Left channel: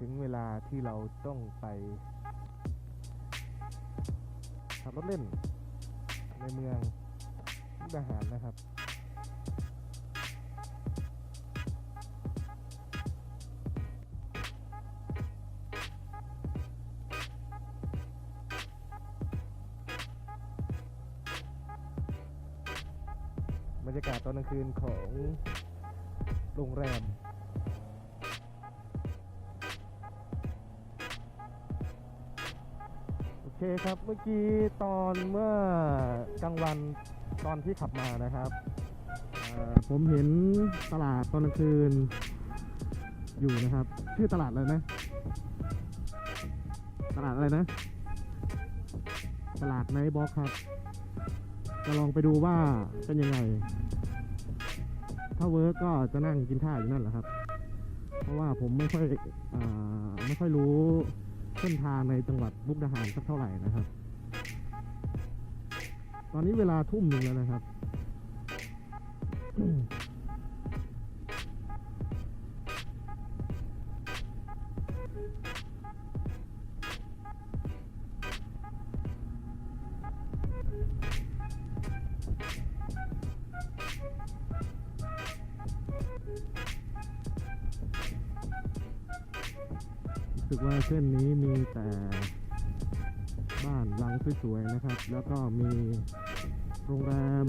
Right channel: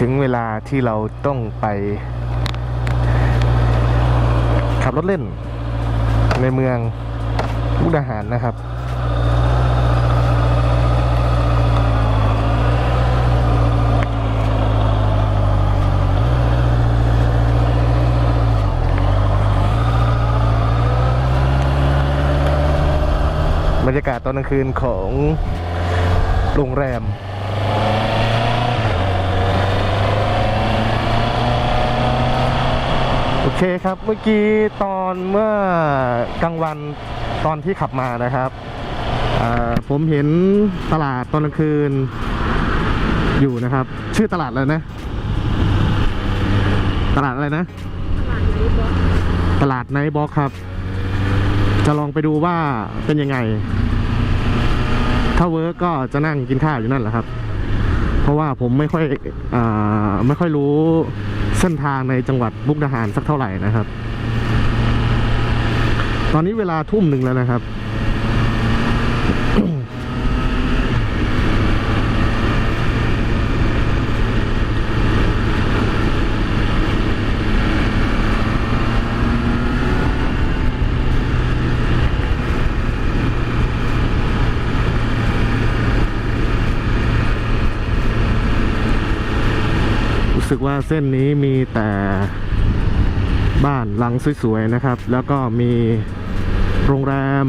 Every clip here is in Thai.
ถึงเวลาที่เราต้องไป ขับรถเล่น ในเมืองมุกดาหารนะครับ บรรยากาศตอนกลางคืนของโรงแรม โอ เคครับเมื่อกี้ตอนเมื่อกลางวันตอนที่ขับมานะครับ ผมเห็นตลาดตอนกลางคืนอยู่นะครับ ชื่อตลาดอะไรนะ ตลาดอะไรนะ ตลาดไนท์บ็อกครับ จะลองไปดูว่าเป็นยังไง ถ้าเวิร์กก็จะนั่งกินข้าวอยู่นั่นแหละครับ เพราะว่าผมไม่ค่อยอไม่ค่อยรู้ ส้นทางในจังหวัดมุกดาหารสักเท่าไหร่นะครับ ตอนนี้เวลาทุ่มหนึ่งแล้วนะครับ สึกว่าเส้นนี้มีแต่บ้านหลังสวยๆนะครับ แล้วก็มีโรงแรม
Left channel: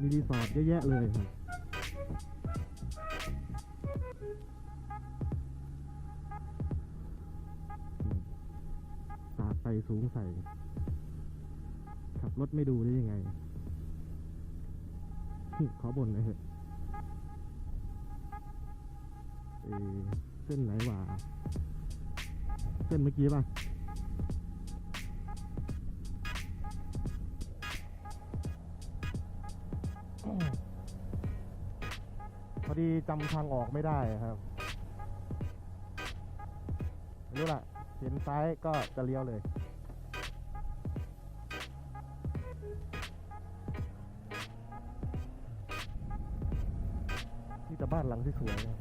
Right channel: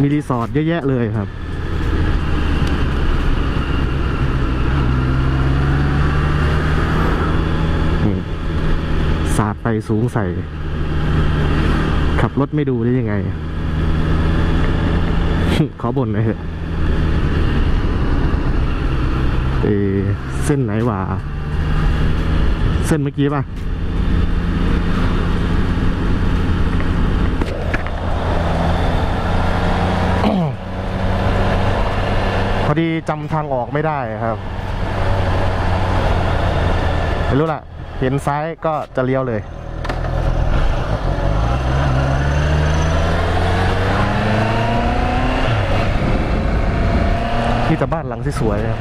มีรีสอร์ทเยอะแยะเลยครับนี่สาดไปสูงใส่ ขับรถไม่ดูได้ยังไง ขอบ่นหน่อยเถอะเอเส้นไหนวะ เส้นเมื่อกี้ป่ะพอดีจำทางออกไม่ได้ครับไม่รู้ล่ะ เห็นซ้ายก็จะเลี้ยวเลยนี่แต่บ้านหลังที่สวยครับ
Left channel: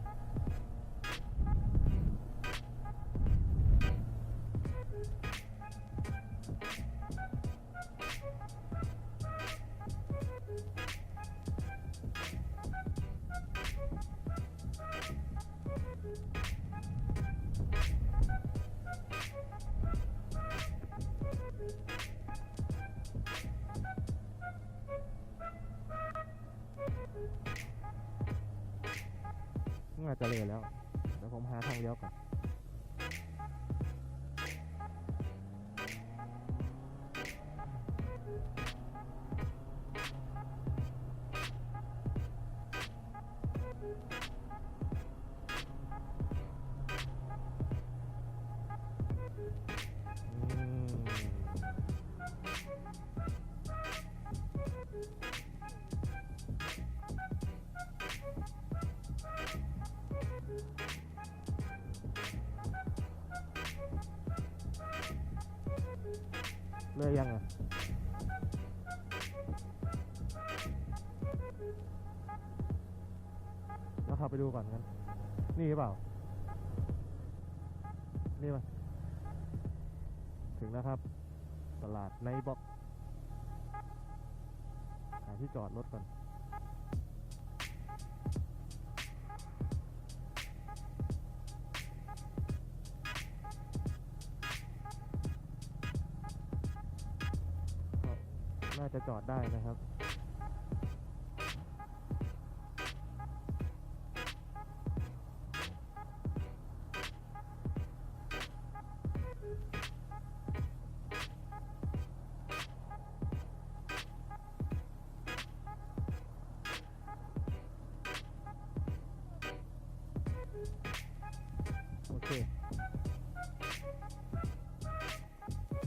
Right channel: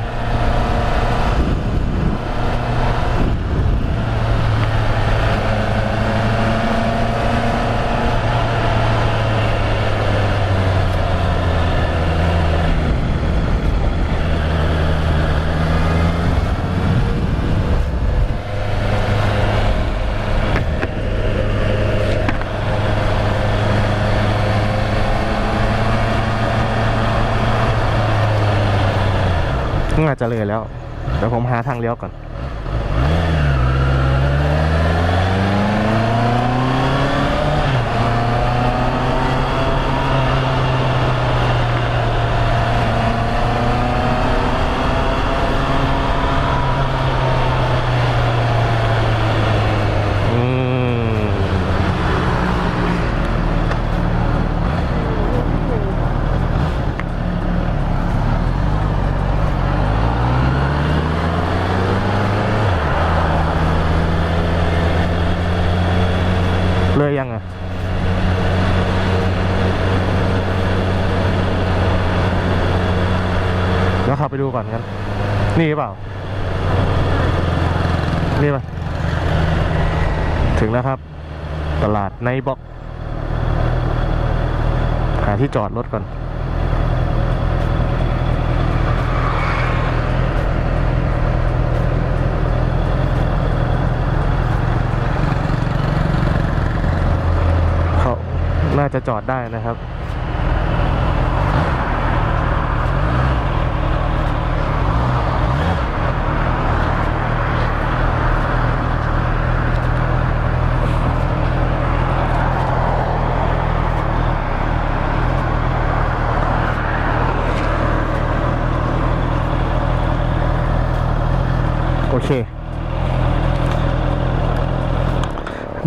น่าจะเลยแล้วเดี๋ยวผมหาทางเลี้ยวก่อน อืม เลยยังอะ เดี๋ยวขับ ไปดูก่อนกันนี่หรือเปล่า นี่ป่ะ ถึงแล้วครับ ตลาดไนบ็อกหาที่จอดรถก่อน เขาน่าจะจอดได้นะครับ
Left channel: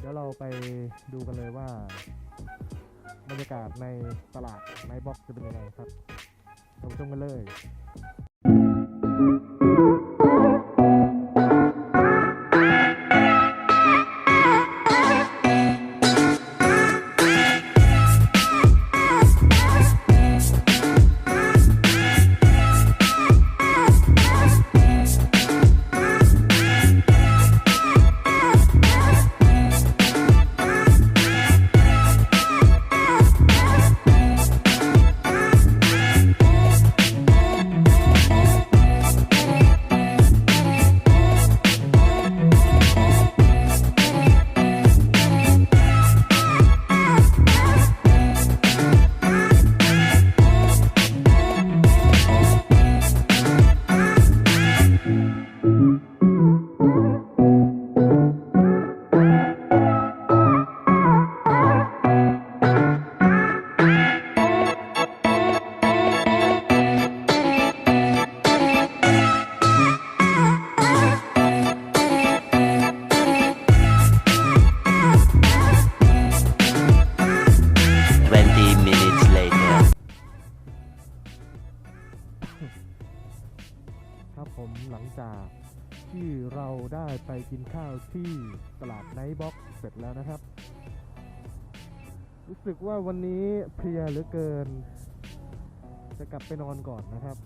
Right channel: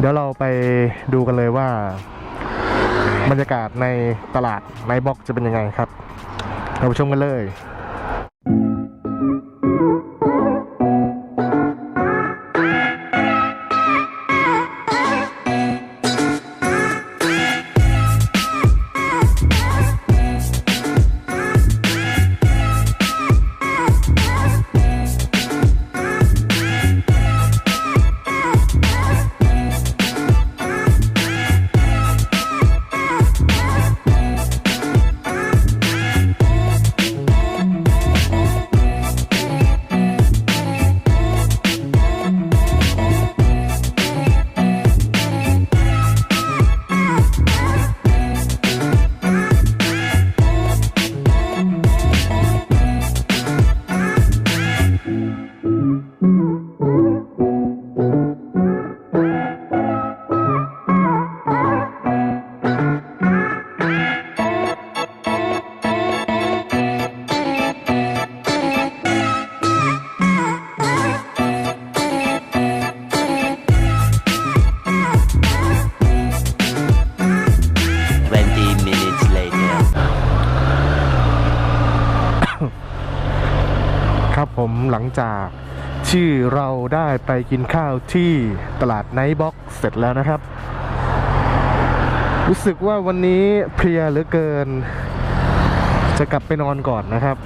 ดี๋ยวเราไปดูกันเลยว่า บรรยากาศในตลาดไนท์บ็อกจะเป็นยังไงครับ เราชมกันเลย Thank ที่เราได้ไปกินข้าวที่ตลาดไนท์บ็อกเสร็จแล้วนะครับ รู้สึกว่าวันนี้เพลียเหลือเกิน จะกลับไปนอนก่อนนะครับ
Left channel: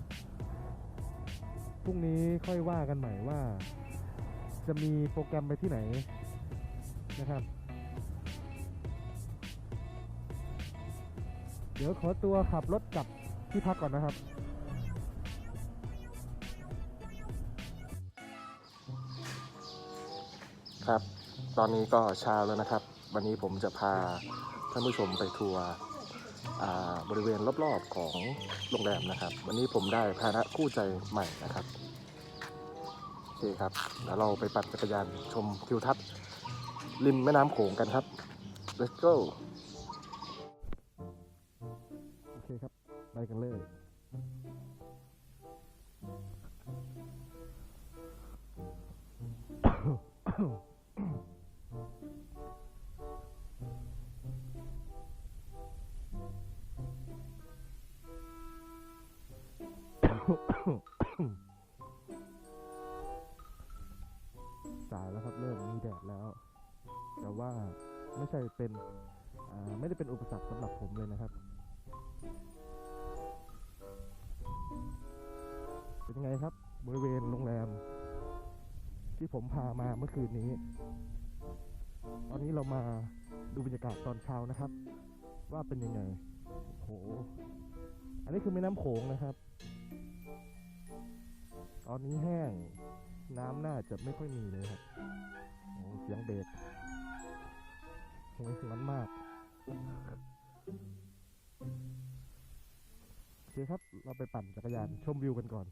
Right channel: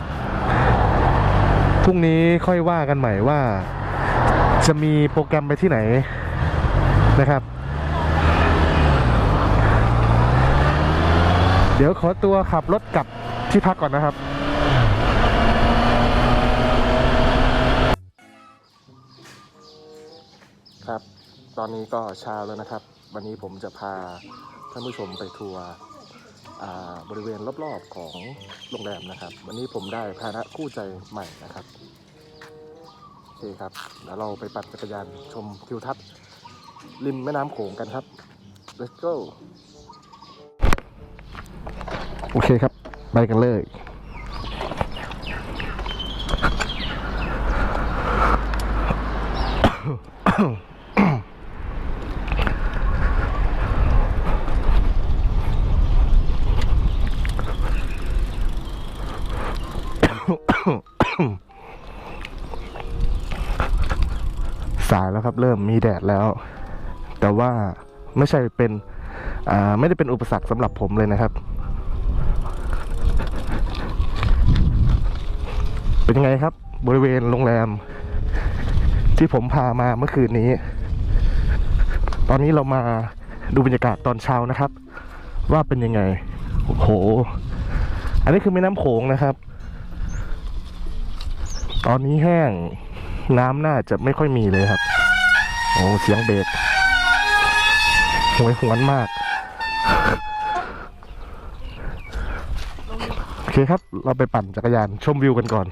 พรุ่งนี้ค่อยว่ากันใหม่ว่า จะมีโปรแกรมไปที่ไหนนะครับ เดี๋ยวขอตัวขับรถกลับที่พักก่อนนะครับ ครับ ตอนนี้ก็เช้าแล้วนะครับ วันนี้ผมจะพาท่านผู้ชมไปทัวร์บริเวณรอบๆของโรงแรมนะครับ วันนี้ผมได้พาหนะคู่ใจใหม่นะครับโอเคครับแล้วเราไปปั่นจักรยานชมทิวทัศน์ริมแม่น้ำโขงกันครับ let's go โอเคครับ ไปกันเลยสาย แล้วครับ เริ่มมีแดดแล้ว แต่ว่าไม่ใช่เป็นไม่ได้เป็นอุปสรรคสำหรับผมเลยนะครับ เป็นยังไงครับ บริเวณโรงแรม ที่ผมพามาเมื่อคืนนี้ ตอนนี้เรามาดูบรรยากาศตอนเช้านะครับ ว่าเป็นยังไงโอ้โห อันนี้คือแม่น้ำโขงนะครับ ตอนนี้แห้งน้ำน่าจะไม่ค่อยมีเลยครับ โอ้เสียงเบรกหวยหวนมาก โอเคครับ เราไปปั่นจักรยานชมวิวกันก่อน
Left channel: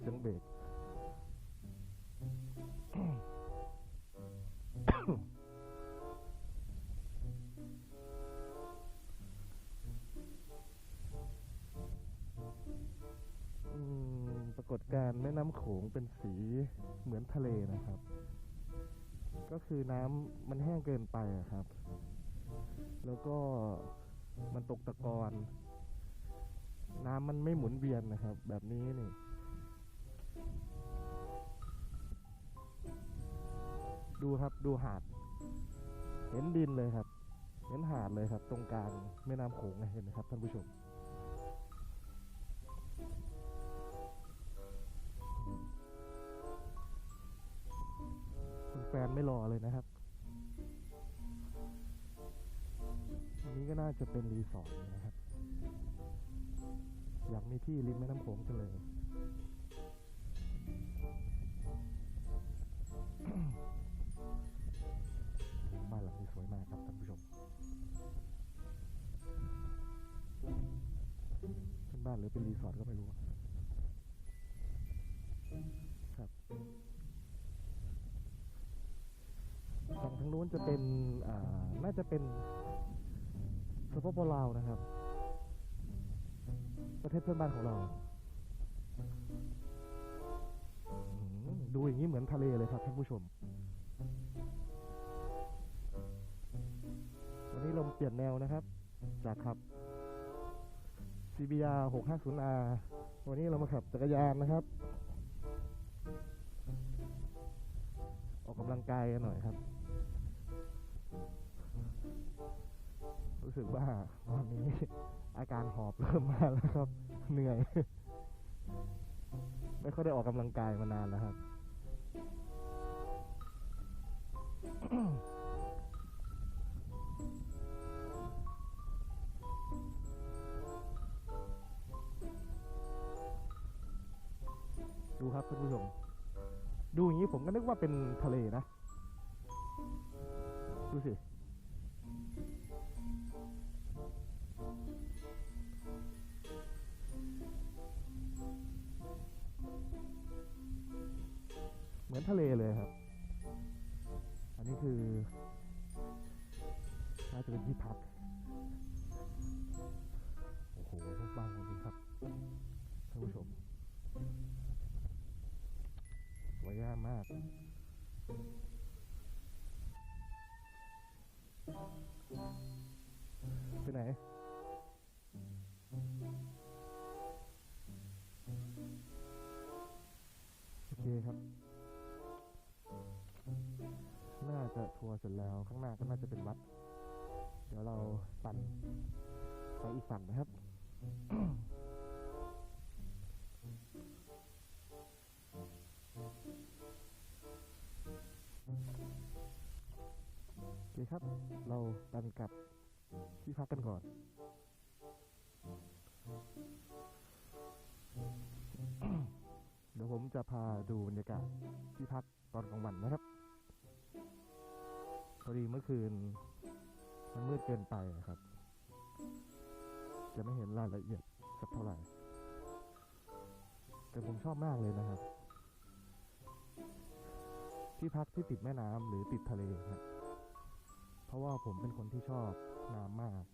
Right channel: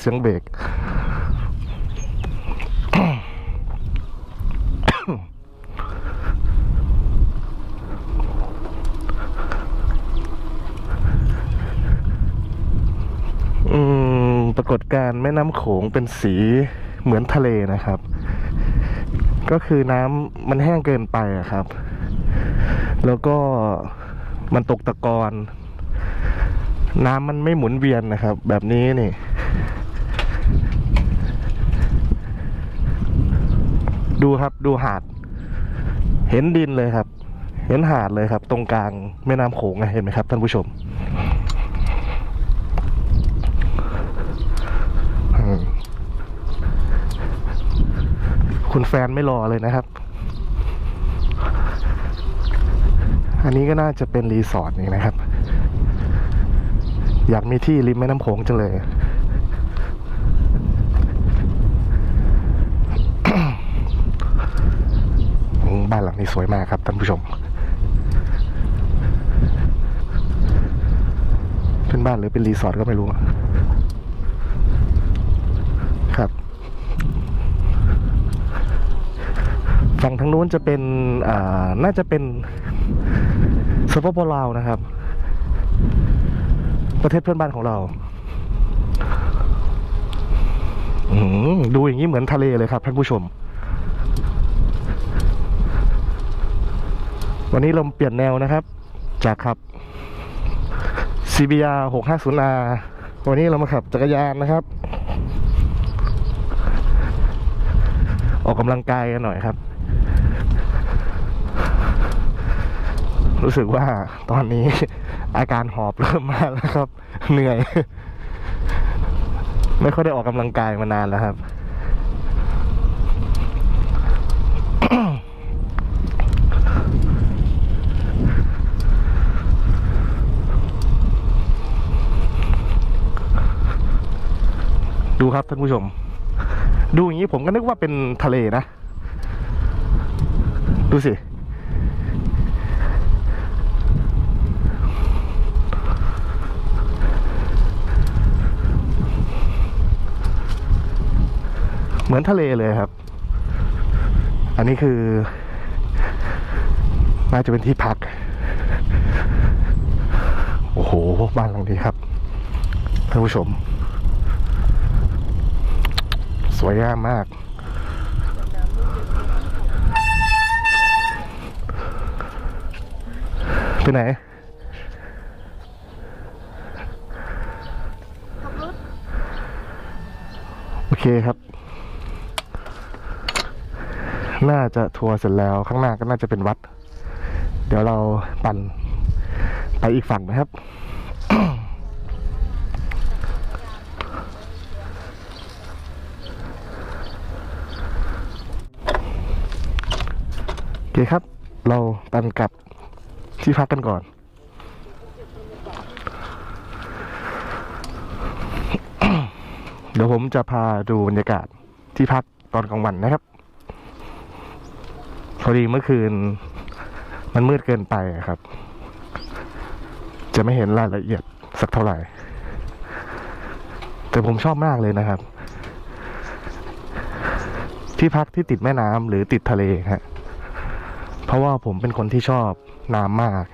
เสียงเบรก อืม ปรากฏการณ์แม่น้ำโขงเป็นสีเหมือนทะเลนะครับ ก็คือน้ำมันแห้งเกินไปครับ แล้วก็มันตกตะกอนน้ำมันไม่หมุนเวียนนะครับ แบบนี้นี่ดูครับดูหาด เห็นดินเลยครับ เห็นหาดเลยครับ ตรงกลางแม่น้ำโขงเห็นไหมครับท่านผู้ชมอืม คุณแฟนไม่รอเลยนะครับ อันนี้ก็น่าจะเป็นรีสอร์ทนี่นะครับ อยากมีที่ริมแม่น้ำโขงจังเลยบ้านหลังนี้สวยมากครับท่านผู้ชม เป็นบ้านหรือเป็นรีสอร์ทก็ไม่รู้อะครับ ฝั่งทางนู้นจะเป็นน่าจะเป็นสปปลาวนะครับ ประเทศเพื่อนบ้านของเราดูอย่างนี้เหมือนทะเลเลยครับท่านผู้ชม วันนี้เราเปลี่ยนแนวนะครับ จากขับ CBR 650R วันนี้เรามาขับจักรยานนะครับ ออกกำลังกายกันหน่อยครับ รู้สึกว่าตอนนี้อาการหอบเริ่มมาแล้วครับ เหนื่อย ไม่ค่อยได้ออกกำลังกายมานานแล้วครับ ดูครับท่านผู้ชม ดูอย่างนี้ผมก็นึกว่าเป็นทะเลนะ ดูสิ เหมือนทะเลเลยครับ อันนี้คือ น่าจะเป็นที่พัก โอ้โห บ้านหลังนี้ครับท่านผู้ชม สวยงามมาก ไปไหนโอเคครับ น่าจะทัวร์เสร็จแล้วข้างหน้าก็น่าจะเป็นวัด เดี๋ยวเราปั่นไปอีกฝั่งนะครับโอเคครับ เราปั่นกลับที่พักกันก่อนเดี๋ยวผมจะพาดูบรรยากาศที่พักตอนกลางวันนะครับ อดีเมื่อคืน มันมืดเกินไปครับ จะไม่เห็นรายละเอียดสักเท่าไหร่ แต่ผมชอบมากเลยนะครับ ที่พักที่ติดแม่น้ำหรือติดทะเลฮะเพราะว่าผมเป็นคนที่ชอบน้ำมาก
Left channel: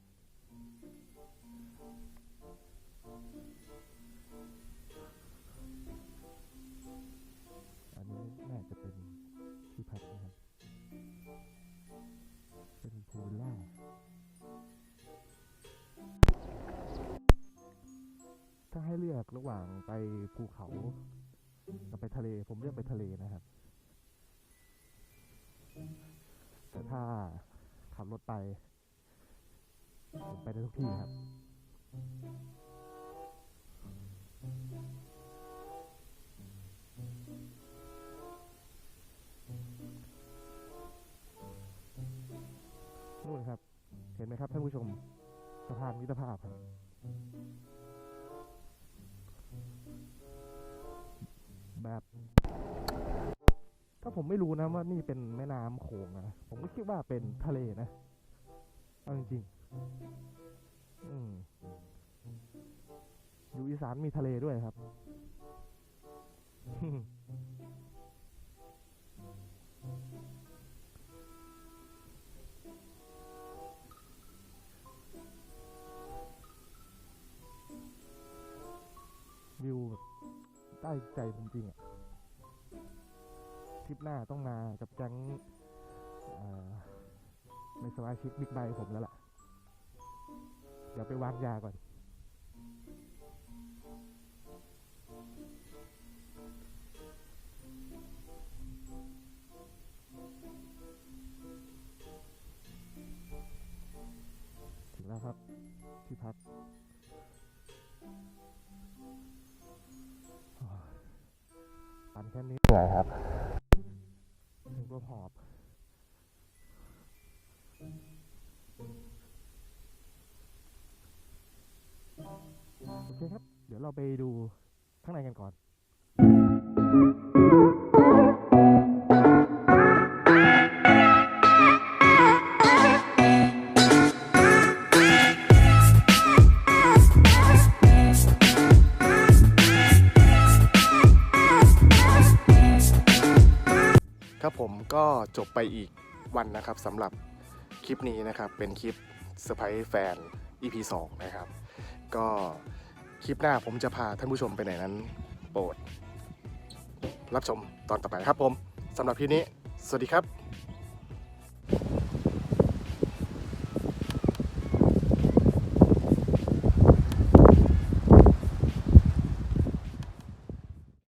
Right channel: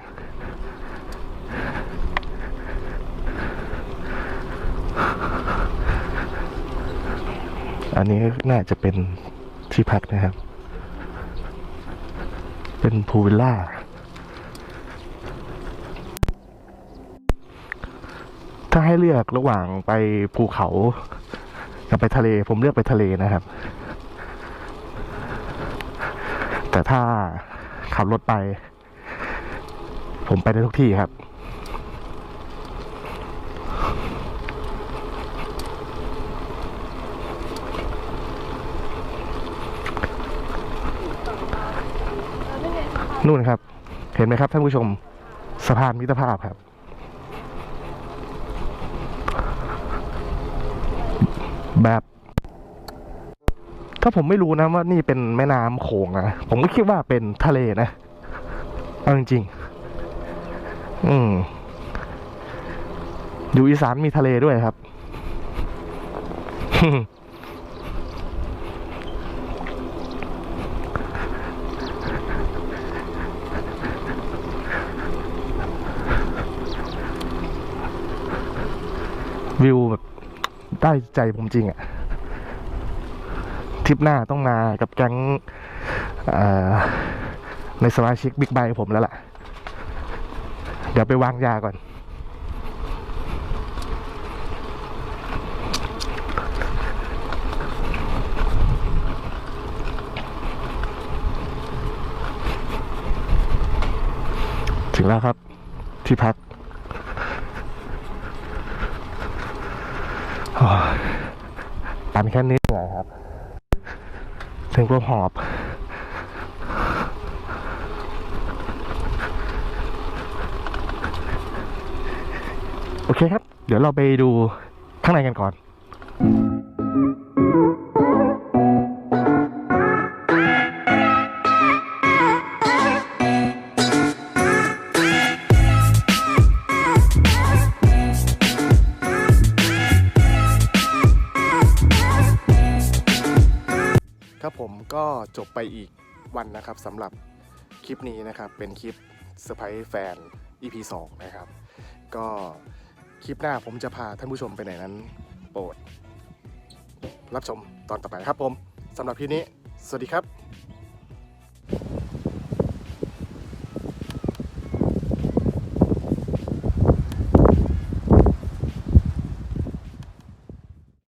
อันนี้น่าจะเป็นที่พักนะครับ เป็นพูวิลล่า ถ้าให้เลือกระหว่างไปภูเขากับไปทะเล ผมเลือกไปทะเลนะครับ แต่ถ้าขับรถไป ผมไปได้ทุกที่ครับ นู่นครับ เห็นไหมครับท่านผู้ชมสะพานมิตรภาพครับ แบบถ้าผมไม่รู้นะว่านี่เป็นแม่น้ำโขงนะผมก็คิดว่าเป็นทะเลนะเอาจริงๆอืมอยู่อีสานมีทะเลด้วยครับ วิวแบบได้ใจผมจริงอะทริปหน้าต้องมากับแก๊งในสมาชิกบิ๊กไบผมแล้วล่ะ เดี๋ยวไปวางยาก่อน ถึงแล้วครับที่พัก โอ้ย ปั่นแค่นี้เหน่อยครับถึงก็หอบโอเคครับ เดี๋ยวเราไปดูข้างในกันก่อน ครับผมก็จบไปอีกวันนะครับสำหรับคลิปนี้นะครับ เป็นคลิปเซอร์ไพรส์แฟน EP 2 นะครับ ก็คลิปหน้าผมจะพาท่านผู้ชมไปไหนนั้น โปรด รับชมตอนต่อไปครับผมสำหรับคลิปนี้ สวัสดีครับ